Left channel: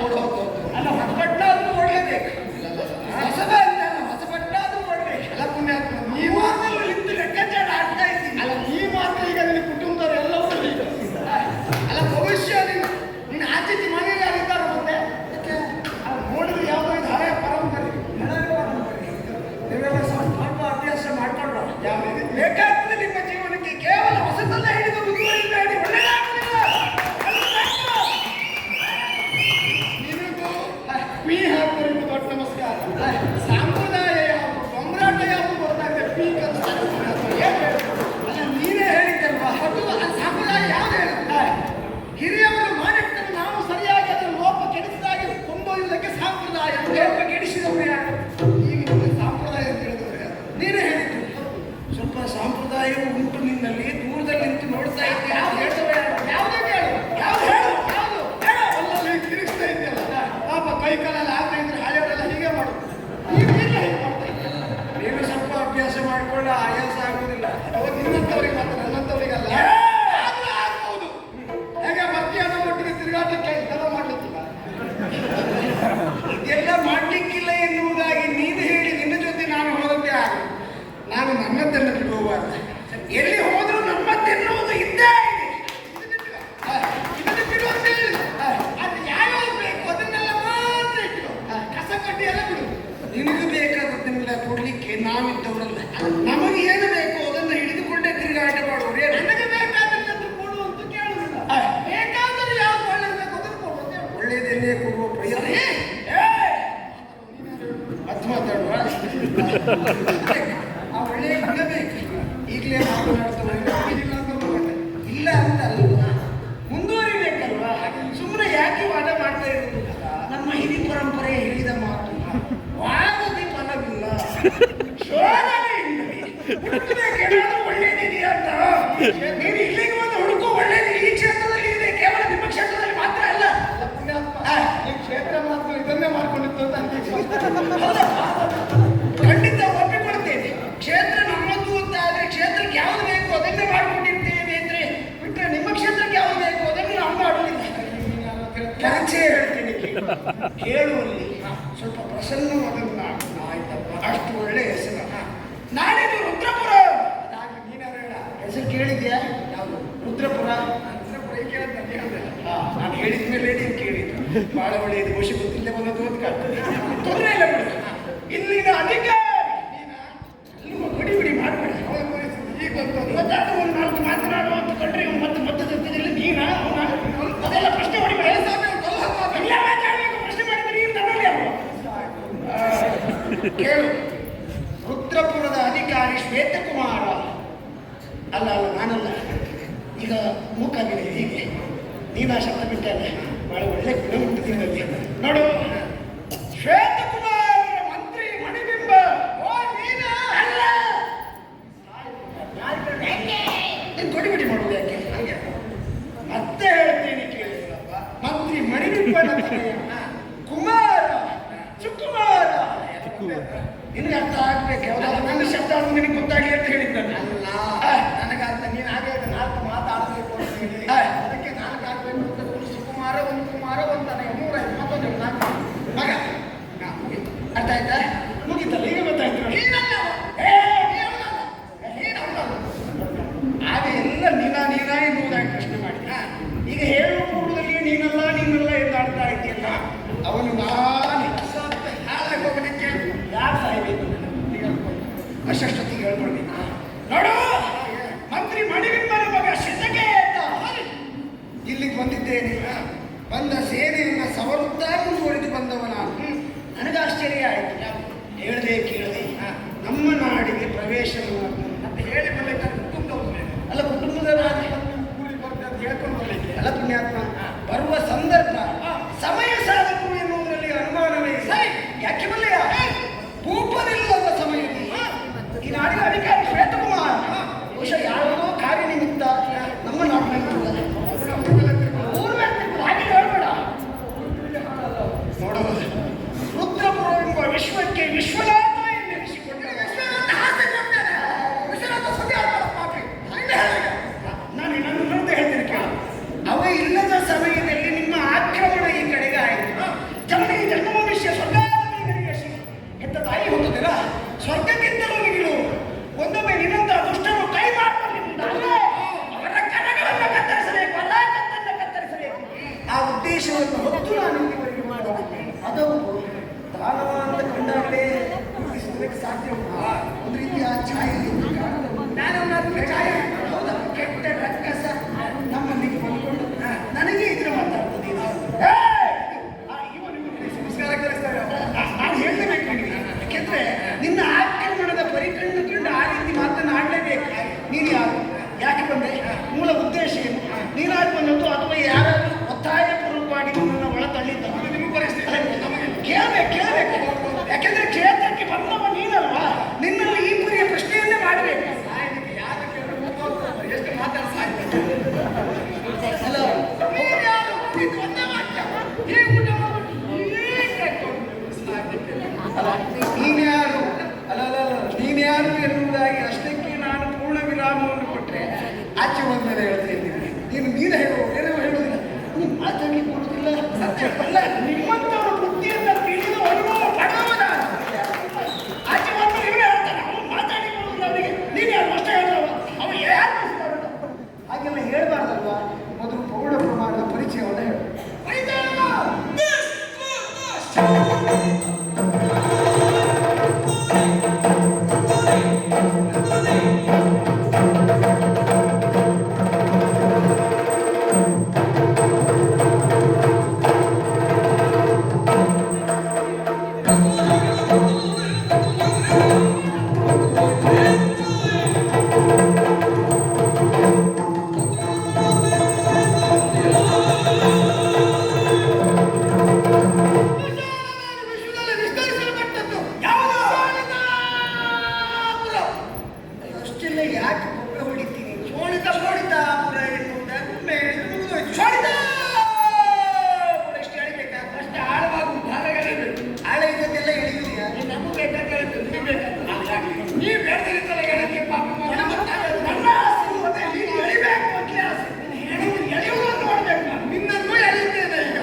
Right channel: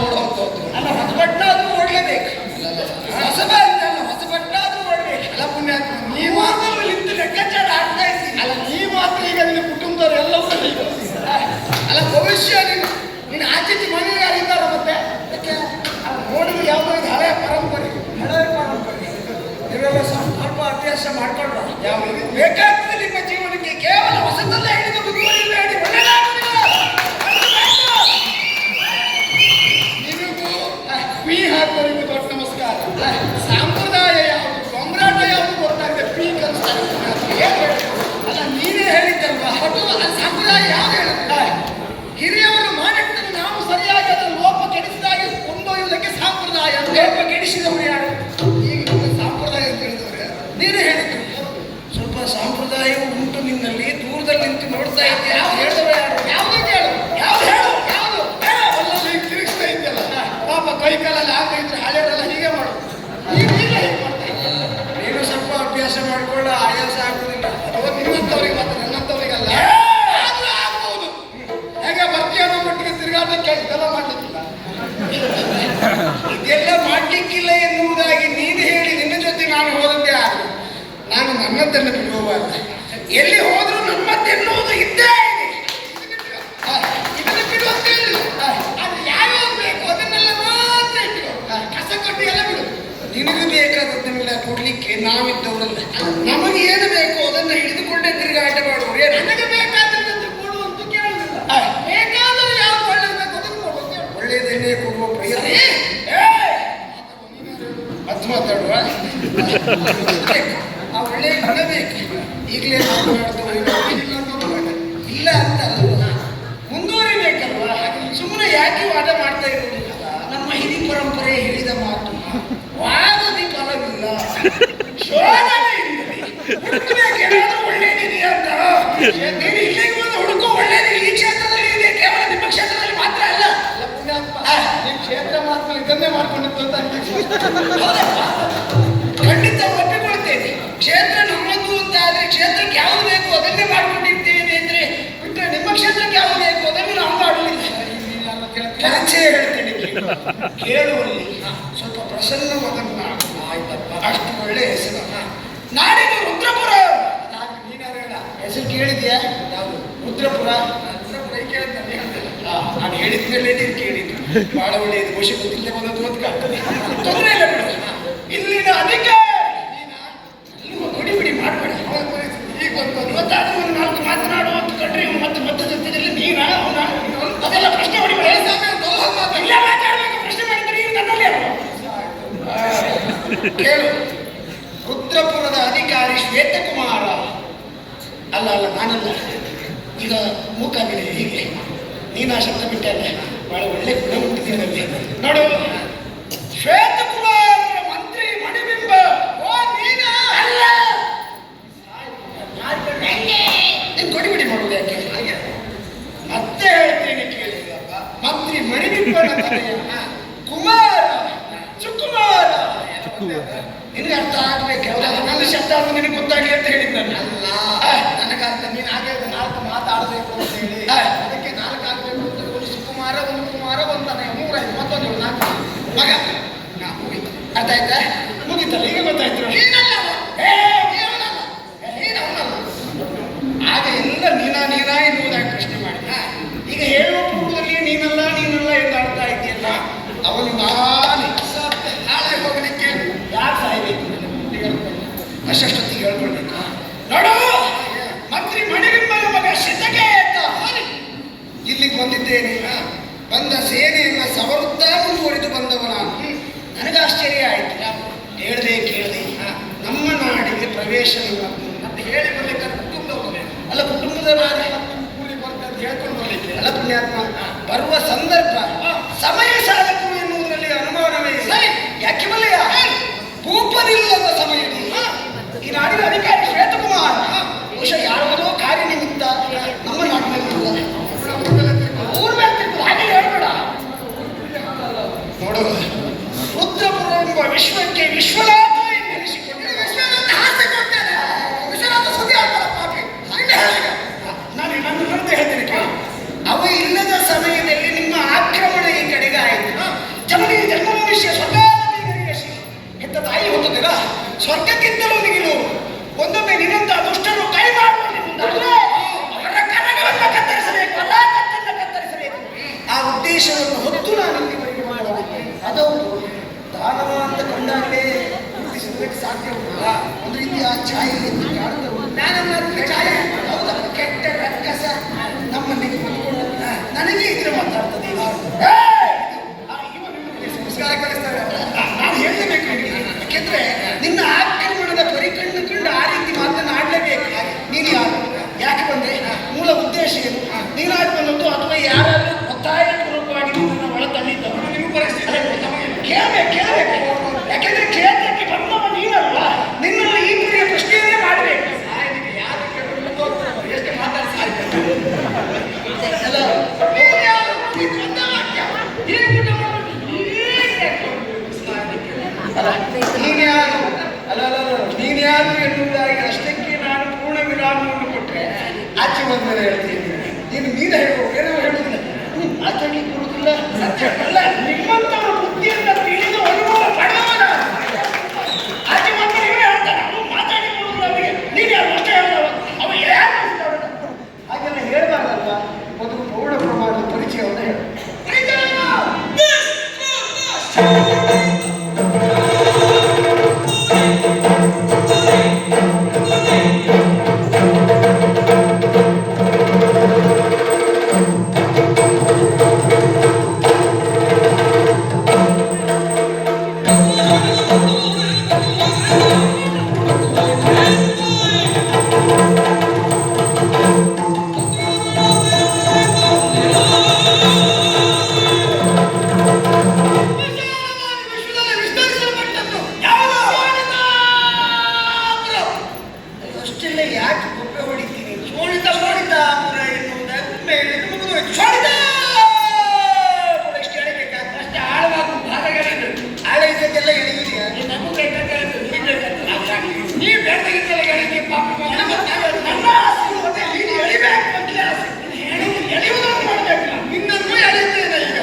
ಓಡ್ ಹೋಗ್ತೋದು. ಅಲ್ಲ ಹೊಸಬಟ್ಟಾದ್ರೂ ಓಡ್ಲೇಬೇಕು. ಹೊಸಬ ಅಂತಲ್ಲ, ಹೊಸಬಟ್ಟಾದ್ರೂ ಓಡ್ಬೇಕು. ಅಲ್ಲ ಪುಣ್ಯಾತ್ಮ, ನೀವು ನಿಂತು ಲೆಕ್ಕಾಚಾರ ಆಡ್ತಾ ಇದ್ದೀನಿ. ಅಲ್ಲ ನೀ ಮಾತ್ರ ಈಗ ನಿನ್ನ ಕುಟುಂಬದವ್ರು ಎಲ್ಲವೂ ಅಲ್ಲ ಭವಿಷ್ಯ ನೀನು ಆಚೆಗೆ ಮನೆಗೆ ಆಗಿದ್ದಾರೆ ಮತ್ತೆ ನೋಡಿದ್ರೆ ಯಾವುದೋ ಇದು ಹಳೆಯ ಪರಂಪರೆ. ನೀವೆಲ್ಲ ಸ್ವಲ್ಪ ಅಭ್ಯಾಸ ಮಾಡ್ಕೊಂಡ್ರು ಯಾವುದು ಬೇಕಾಗ್ತದೆ ನಿಮ್ಮ ಜೀವನಕ್ಕೆ. ಕೇವಲ ಹೊಸದಲ್ಲ ಹಿಡಿದು ಬುದ್ಧಿಗಳಿಂದ ಹೇಳಿ ಒಳ್ಳೆಯದಾಗುವುದಿಲ್ಲ. ನಿನಗೂ ಪೀ ಹಾಕೋರಿಗೆ ದೊಡ್ಡ ನಮಸ್ಕಾರ. ಸಂಪ್ರದಾಯ ಯಾವುದು, ಕೊಂಬರಾಟ ಯಾವುದು ಗೊತ್ತಾಗದೆ ಪೀ ಕಲಿಸ್ತಾರೆ. ಅಲ್ಲ ನೀನೇ ಹೇಳಿದ್ದಲ್ವಾ, ಅದು ಸಂಪ್ರದಾಯ ಯಾವುದು ಹೇಳುತ್ತೆ? ಹಿರಿಯವರು ಮಾಡಿದ್ದನ್ನು ನಾವು ಸರಿಯಾಗಿ ಅದರ ಲೋಪ ಕೆಡಿಸಿದಾಗಿ ಕೊಂಡೊಯ್ಯುವುದಕ್ಕೆ ಸಂಪ್ರದಾಯ. ಲೋಪ ಕೆಡಿಸಿದವರು ಯಾರು? ಈಗ ನಿಮಗೆ ಸಂಪ್ರದಾಯ ಅಂತ ಹೇಳಿದವ್ರೆ ನೀನೇ ಹೇಳಿದ್ದು. ಸ್ವಲ್ಪ ಸಂಪ್ರದಾಯವೂ ಉಂಟು ನಿನ್ನಲ್ಲಿ, ದೂರದಲ್ಲಿ ನಿಂತು ನೋಡ್ತಾ ಇದ್ದೀಯ. ಹೇಳಿದವರು ಯಾರು? ಯಾವುದು ಹೇಳು, ಯಾವ್ದು ಹೇಳು? ಯಾವುದು ಅಲ್ಲಲ್ಲಿ ತಿರುಗಿಸ್ತಾ ಇದೆಯಲ್ಲ, ಪಾಪ ಕೈ ಕಾಲಲ್ಲಿ ಆಗ್ತಾ ಇದ್ರೆ ಹಳೆಯವರೆಲ್ಲ ಹೀಗೆ ಮಾಡೋದು. ನೀನು ಹೀಗೆ ಮಾಡ್ತಾರೆ. ನೀನು ಸ್ವಲ್ಪ ಅಭ್ಯಾಸ ಮಾಡಿಕೊಳ್ಳ, ಆಯಾಸ ಆಗುವುದಿಲ್ಲ. ಅದು ನಿನ್ನಂಥವ್ರಿಗೆ ಮಾತ್ರ, ನನ್ನಂಥವ್ರಿಗಲ್ಲ. ಆದ್ರೂ ಆಗ್ಬಹುದು. ಹೇಗೆ ಬರ್ತೀಯ ಅನ್ನೋ ಮಟ್ಟಿಗೆ ತಿರುಗಾಡಕ್ಕೆ ಇದೆಲ್ಲ ಮಾಡ್ಲಿಕ್ಕಿಲ್ಲ. ಇದೆಲ್ಲ ಮಾಡ್ಲಿಕ್ಕಿಲ್ಲ ಎನ್ನುವುದಾಗಿ ನೀನು ಹೇಳಿ ನಿನ್ನ ಜೊತೆ ನಾನು ಹೋದಂತೆ ಆಗ ನಾನು ನನ್ನದನ್ನು ಬಿಡುವಾಗ ಎಲ್ಲಿ ಹೋದ್ರೂ ನಮ್ಮದೆನ್ನುವುದು ಇದ್ದೇ ಇದೆ. ಇದನ್ನು ಬಿಡುವಂತ ಹೇಳಿಲ್ಲ. ಅದು ಯಾವ್ಯಾವ ಬೇಕು ಅದನ್ನೆಲ್ಲ ಮಾತ್ರ ಇಟ್ಟು ಕಸ ಕೊಟ್ಟು ಎಲ್ಲ ಬಿಡು. ನಿನಗೂ ಬೇಕಾದದ್ದನ್ನೆಲ್ಲ ಕೊಡ್ಲಿಕ್ಕೆ ನಾವಿದ್ದವರಲ್ಲ. ನಮಗೆ ಏನು ಬೇಕು ಅದನ್ನು ಹಿಡಿದುಕೊಂಡೇ ತಿರುಗಾಟ ಮಾಡುವರು. ನನಗೆ ಬೇಕಾದದ್ದು ಕೊಡುವಂತ ಕೇಳುವುದಿಲ್ಲ. ಬೇಕಾದರೂ ಯಾವ್ದು ಒಳ್ಳೇದು ಬೇಕು ಅದನ್ನು ಕೊಡುವಂತ ಹೇಳು. ಒಳ್ಳೆಯದನ್ನೇ ಕೊಡುವ ಪ್ರಯತ್ನ. ಮತ್ತೆ ಮಾತಾಡುವ ಆ ಒಳ್ಳೆಯ ಗುಣ ಬೇಕು. ಈಗಲೇ ಮಾತನಾಡ್ತೇವೆ ಇಲ್ಲ ಅಂತ ಅಲ್ಲ, ಮುಂದುವರಿಬೇಕಲ್ವಾ? ಸುಮ್ಮನೆ ಯಾಕೆ ವಾದ ಮಾಡ್ತಾ ಇರೋದಿಲ್ಲ? ನಮ್ಮ ಹಿರಿ ಪರಂಪರೆ ಹೇಳಿದ ಮಾತು, ವಾದದಿ ಫಲವಿಲ್ಲ, ಶೋಧನೆಯಿಂದಲೇ ಹುಡುಕಬೇಕೇನಾದ್ರೂ ಒಳ್ಳೇದಿದೆ ಅಂತ. ನೀನು ಇಲ್ಲಿಗೆ ಬಂದು ಹುಡುಕೋ ಒಳ್ಳೇದು ಈ ಕ್ಷೇತ್ರದಲ್ಲಿ ಇದೆ, ಕೇವಲ ನಿಮ್ಮ ಕ್ಷೇತ್ರದಲ್ಲಿ ಮಾತ್ರ ಅಲ್ಲ. ಈ ಕ್ಷೇತ್ರ ಮಾತ್ರ ಇದನ್ನೇ ಮಾಡ್ಕೊಂಡಿತ್ತು ಅಂತ ಖಂಡಿತ ಒಪ್ಪಿಕೊಳ್ತೇನೆ. ಕ್ಷೇತ್ರ ನಮ್ಮದು ಅಂತ ಆದ್ರೆ ಕ್ಷೇತ್ರಕ್ಕೆ ಯಾವುದು ಬೇಕು ಅದನ್ನೇ ಮಾಡ್ಕೊಂಡಿರ್ತೇವೆ ಅಂದ್ರೆ ಬಿಟ್ಟರೆ ನಿಮ್ಮ ಕ್ಷೇತ್ರಕ್ಕೆ ಯಾವುದು ಬೇಕು ಅದನ್ನು ನಾವು ಮಾಡುವುದಿಲ್ಲ. ಕೆಲಸೇ ಹೇಳ್ತೇನೆ, ಕೇಳುವಲ್ಲಿ ಸ್ವಲ್ಪ ಪ್ರಸನ್ನವಾದನ್ನು ಮಾಡು. ಆಯ್ತಪ್ಪ, ಅಷ್ಟು ಒಳ್ಳೆ ಹೆಸರು. ನಾಡಿದ್ದು ರುದ್ರಪುರ. ಹೆಸರು ಕೇಳಿದ್ಯಾ? ನಾವು ರುದ್ರಪುರ. ರುದ್ರಪುರ ನಾನು ಹೇಳಿದ ಮೇಲೆ ನೀನು ಕೇಳಿದ್ದು. ಬಹಳ ಒಳ್ಳೆಯದು. ಬಹುಶಃ ಗೊತ್ತಿಲ್ಲ ಒಂದೊಂದು ಓದ್ಕಾಗ್ತದೆ. ತೊಂದರೆ ಇಲ್ಲ ಬಿಡು. ಇಲ್ಲಿನ ಅಧಿಕಾರಿ ಬಿಡಿ ಮಾಡಬೇಡಿ. ಈಗ ಒಂದು 4 ಮಾತನಾಡುವಂತ ಕಂಡ್ರೆ ಮತ್ತೆ ಮತ್ತೆ ಜೊತೆಯಲ್ಲಿ ನೀನ ಅದೆಲ್ಲ ಪ್ರಶ್ನೆ ಹೊಡಿಬೇಡ. ಎಲ್ಲ ಮಾತಾಡಬೇಕು. ಪ್ರಶ್ನೆ ಮಾಡಿದ್ರೆ ನೀನು ನನ್ನಲ್ಲಿ ಕೇಳು. ರುದ್ರಪುರದ ಅಧಿಕಾರಿ ಶ್ವೇತಕುಮಾರ. ಅಲ್ಲ ಅಲ್ಲ, ನಾನಲ್ಲ. ಈಗ ಮೂಕಾಗಿದೆ ಹೀಗೆ. ನೀನು ಆ ಶಬ್ದ ಬಿಟ್ಟಲ್ಲ, ಬಹಳ ಒಳ್ಳೆ ಗುಣ ಹುಟ್ಟಿದ್ದೀನಿ ನೋಡು. ಶ್ವೇತಕುಮಾರ ಮಂತ್ರಿ ಮಣಿಬಿಂಬ. ಓ ನೀನ ಅಲ್ಲ, ನೀನು ಕೊಡಿಬಿಡಿ ಮಾಡುವುದು ಯಾಕೆ? ಮತ್ತೆ ಹೇಳ್ತೀನಿ ಕೇಳಿಲ್ಲಪ್ಪ. ಮಂತ್ರಿ ಮಣಿಬಿಂಬನ ಕುಮಾರ ಸುಕುಮಾರ. ನಿನ್ಗೆ ಅರ್ಥ ಆಗ್ಬೇಕು. ನನ್ನ ಶಬ್ದ ನಿನಗೆ ಗೊತ್ತಾಗ್ಲಿ ಅಂತ ಹೇಳಿದ್ ನಾನು. ಅಲ್ಲ, ನನಗಂತ ನೀನು ಹಾಗೆ 4 ಮಾತಾಡಬೇಕು ಅಂತ ಹೇಳಿ ಅದಕ್ಕೆ 4 ಆಗ್ಬೇಕು ಅಂತ ಒಂದು ಸುಕುಮಾರ, ಒಂದು ಕುಮಾರ, ಒಂದು ತನಕ 3 ಆಯ್ತು. ಮತ್ತೊಂದು 4 ಮಗ. ಮುಗೀತು. ಅರ್ಥ ಆಯ್ತಾ? ಮುಗಿತಲ್ಲ, ಈಗ ಗೊತ್ತಾಯ್ತು. ನೀನಲ್ಲ, ನೀನು ಅವನಲ್ಲ. ಆಗ ಎಲ್ಲ ನೀನಾ ಎನ್ನುವುದಾಗಿ ಪ್ರಶ್ನೆ ಮಾಡಿ. ಈಗ ಹೇಳುವ ಪೂರ್ವದಲ್ಲಿ ನೀನಲ್ಲ ಎಂದು ಆಡ್ತಾ ಇದ್ದೀಯಲ್ಲ, ಅವನು ನಾನು ನಾಳೆ ಹೋಗಲಿಕ್ಕೆ ಯಾರು ಸಾಯ್ಬೇಕು? ಅಷ್ಟೊತ್ತಿಗೆ ಹೇಳ್ಕೊಳ್ಬೇಕು. ನೋಡು, ಮಂತ್ರಿ ಮಣಿಬಿಂಬನ ಮಗ ಶಿತಕೇತ ಇಲ್ಲಿಗೆ ಬಂದಿದ್ದೇನೆ. ಬಂದ ಸೇನೆಯನ್ನ ಸವರುತ್ತಾ ಮುಂದುವರಿದು ಬಂದವ ನಾನು. ನನಗೆ ಆಶ್ಚರ್ಯ ಆಯ್ತು. ಕೇಳದೆ ನಮ್ಮ ನಾಡಿಗೆ ಪ್ರವೇಶ ಮತ್ತೆ ಹೇಳಿ ಬರ್ಲಿಕ್ಕೆ ಕುಟುಂಬದವರು ಅಲ್ಲ, ಕುಟುಂಬದವರಾದ್ರೆ ಕೂಡಿ ಬರ್ತಾರೆ ಹೇಳ್ಕೊಂಡು ಬರ್ಲಿಕ್ಕೆ ಅಲ್ಲ ಪುಣ್ಯಾತ್ಮ. ಬರುವ ಸಂದರ್ಭ ಸಮಯ ಸಾಧಕು ಎನ್ನುವುದರಲ್ಲಿ ಅನುಮಾನವೇ ಇಲ್ಲ. ಯಾಕೆ ಬಲ್ಲೆಯ? ಭೂಪನಿಲ್ಲದ ಸಮಯದಲ್ಲಿ ಈ ನಾಡಿನ ಅಧಿಕಾರಿ ಶ್ವೇತಕುಮಾರ್ ಬಹುಶಃ ಯಾವುದೋ ಕಾರ್ಯನಿಮಿತ್ತ ನಮ್ಮ ನಾಡಿನಲ್ಲಿ ಹಾಗೆ ಹೇಳ್ಬೇಡ. ನೋಡು, ರುದ್ರಪುರ ಎಂಬ ವಿಶ್ವಕ್ಕೆ ವಿಶ್ವನಾಥ ಎನ್ನಿಸಿಕೊಂಡ ವಿಶ್ವನಾಥ ಸುದ್ದಿ ಆಗ್ಬಾರ ಪಾಪಿ. ನಾನು ಹೇಳ್ತೇನೆ. ಅವ ಇಲ್ಲದ ಸಮಯದಲ್ಲಿ ನಿಮ್ಮ ಆ ಉದ್ದೇಶವನ್ನು ಹೊತ್ತು ನಾನು ಇಲ್ಲಿವರೆಗೆ ಮಾಡಬೇಕು. ಅದೌದು, ದಾನವ ಅಂತ ಕಂಡಾಗಲೇ ಗುರುತಿಸುವುದಕ್ಕೆ ಸಾಧ್ಯವಿಲ್ಲ. ಒಂದು ರೀತಿಯ ಛಾಯೆ ಎಂದು ಕಾಣುತ್ತದೆ. ನಾನೆಲ್ಲ ಛಾಯೆ ಹೌದಪ್ಪ, ಕೆಟ್ಟ ರಕ್ಕಸ ನಮ್ಮಲ್ಲಿ ಬಂದುಕೊಂಡು ನನಗೆ ಇದರ ಮಾತಾಡ್ತದೆ. ನಾನು ಹೇಳಲೇಬೇಕು ನಿನಗೆ, ಯಾಕೆಂದ್ರೆ ನಿನ್ನ ಆಕ್ರಮಣದ ಪರಿಕಣ್ಣು ಕಂಡು ಆ ರೀತಿ ಮಾತನಾಡಲೇಬೇಕು. ನೀನು ಯಾರು, ಯಾಕೆ ಬಂದೆ, ಮೂಲ ಉದ್ದೇಶ ಏನು, ನೀನಾಗಿ ಬಂದದ್ದು ಅಥವಾ ಯಾರಾದ್ರೂ ಒತ್ತಾಯಪೂರ್ವಕವಾಗಿ ನಿನ್ನನ್ನು ಒಳ ತಳ್ಳಿದ್ದವ? ಕೇಳಬೇಕು. ಯಾಕೆಂದ್ರೆ ಕ್ಷೇತ್ರಕ್ಕೆ ಬಂದವ ನೀನಲ್ಲ, ನಿನ್ನಲ್ಲಿ ಈ ಪುರಿಯ ಪ್ರಶ್ನೆಯನ್ನೇ ಮಾಡಬೇಕು. ಎಷ್ಟು ಮಾತಾಡ್ತಾರೆ ನೀನ್ಯಾರು ಎನ್ನುವುದಾಗಿ ಅಷ್ಟಕ್ಕೆ ನಾನು ಪೂರ್ಣ ವಿರಾಮವನ್ನು ಕೊಟ್ಟರೆ ಆಚೆ ಬಂದ್ಮೇಲೆ ಹೇಳ್ತೀನಿ. ನೀನು ಹೇಳುವ ಏನೋ ಹೇಳುವುದಿಲ್ಲ, ಮಾತಾಡ್ಲಿಕ್ಕೆ ಬರುವುದಿಲ್ಲ. ಅಲ್ಲ, ನಿಮ್ಮಂತವರ ಬುದ್ಧಿಯನ್ನ ತಿಳಿದು ಅನುಭವ ಪಡೆದವನ ಆಚೆ ಬಂದ್ಮೇಲೆ ಇವನೇ ಹೇಳ್ತಾನೆ, ಅವನು ಮಾತಾಡ್ಲಿಕ್ಕೆ ಬರುವುದಿಲ್ಲ ಅವನಿಗೆ. ನೀನು ಯಾರು ಅಷ್ಟೇ ಹೇಳುವ, ಅವನು ಯಾರು ಹಾಗೆಲ್ಲ ಹೇಳ್ಬಾರ್ದಲ್ವಾ. ಮೊದಲು ಪೌಢ ಪ್ರಮಾಣದ ಪರಿಚಯವನ್ನು ಹೇಳು. ಯಾಕೆ ಗೊಬ್ಬೆ ಹೊಡಿತೀನಿ? ಶೋಣಿತ ಎಷ್ಟು ಎಳಿಬೇಕಾಗ್ತದೆ? ಅಷ್ಟೇ ಆಳವಾಗುವ ಭಾಗಗಳಿವೆ. ಆಳ ಇದಕ್ಕೆಲ್ಲ ಎಳೆಯುವುದಿಲ್ಲ. ನೀವು ಬೆಳೆದಿದ್ದೆಲ್ಲ ಎಳಿಗೆ ಪಾಪ ನನ್ನ ಆಸೆ ಮತ್ತೆ ನೀನು ಎಳಿಬೇಕು ಅಂತಲೇ ಆಸೆ. ಎಳೆಯುವುದನ್ನು ಮಾಡಬೇಕು. ನಿನ್ನನ್ನು ಎಳೆಯುತ್ತೇನೆ ಈಗ.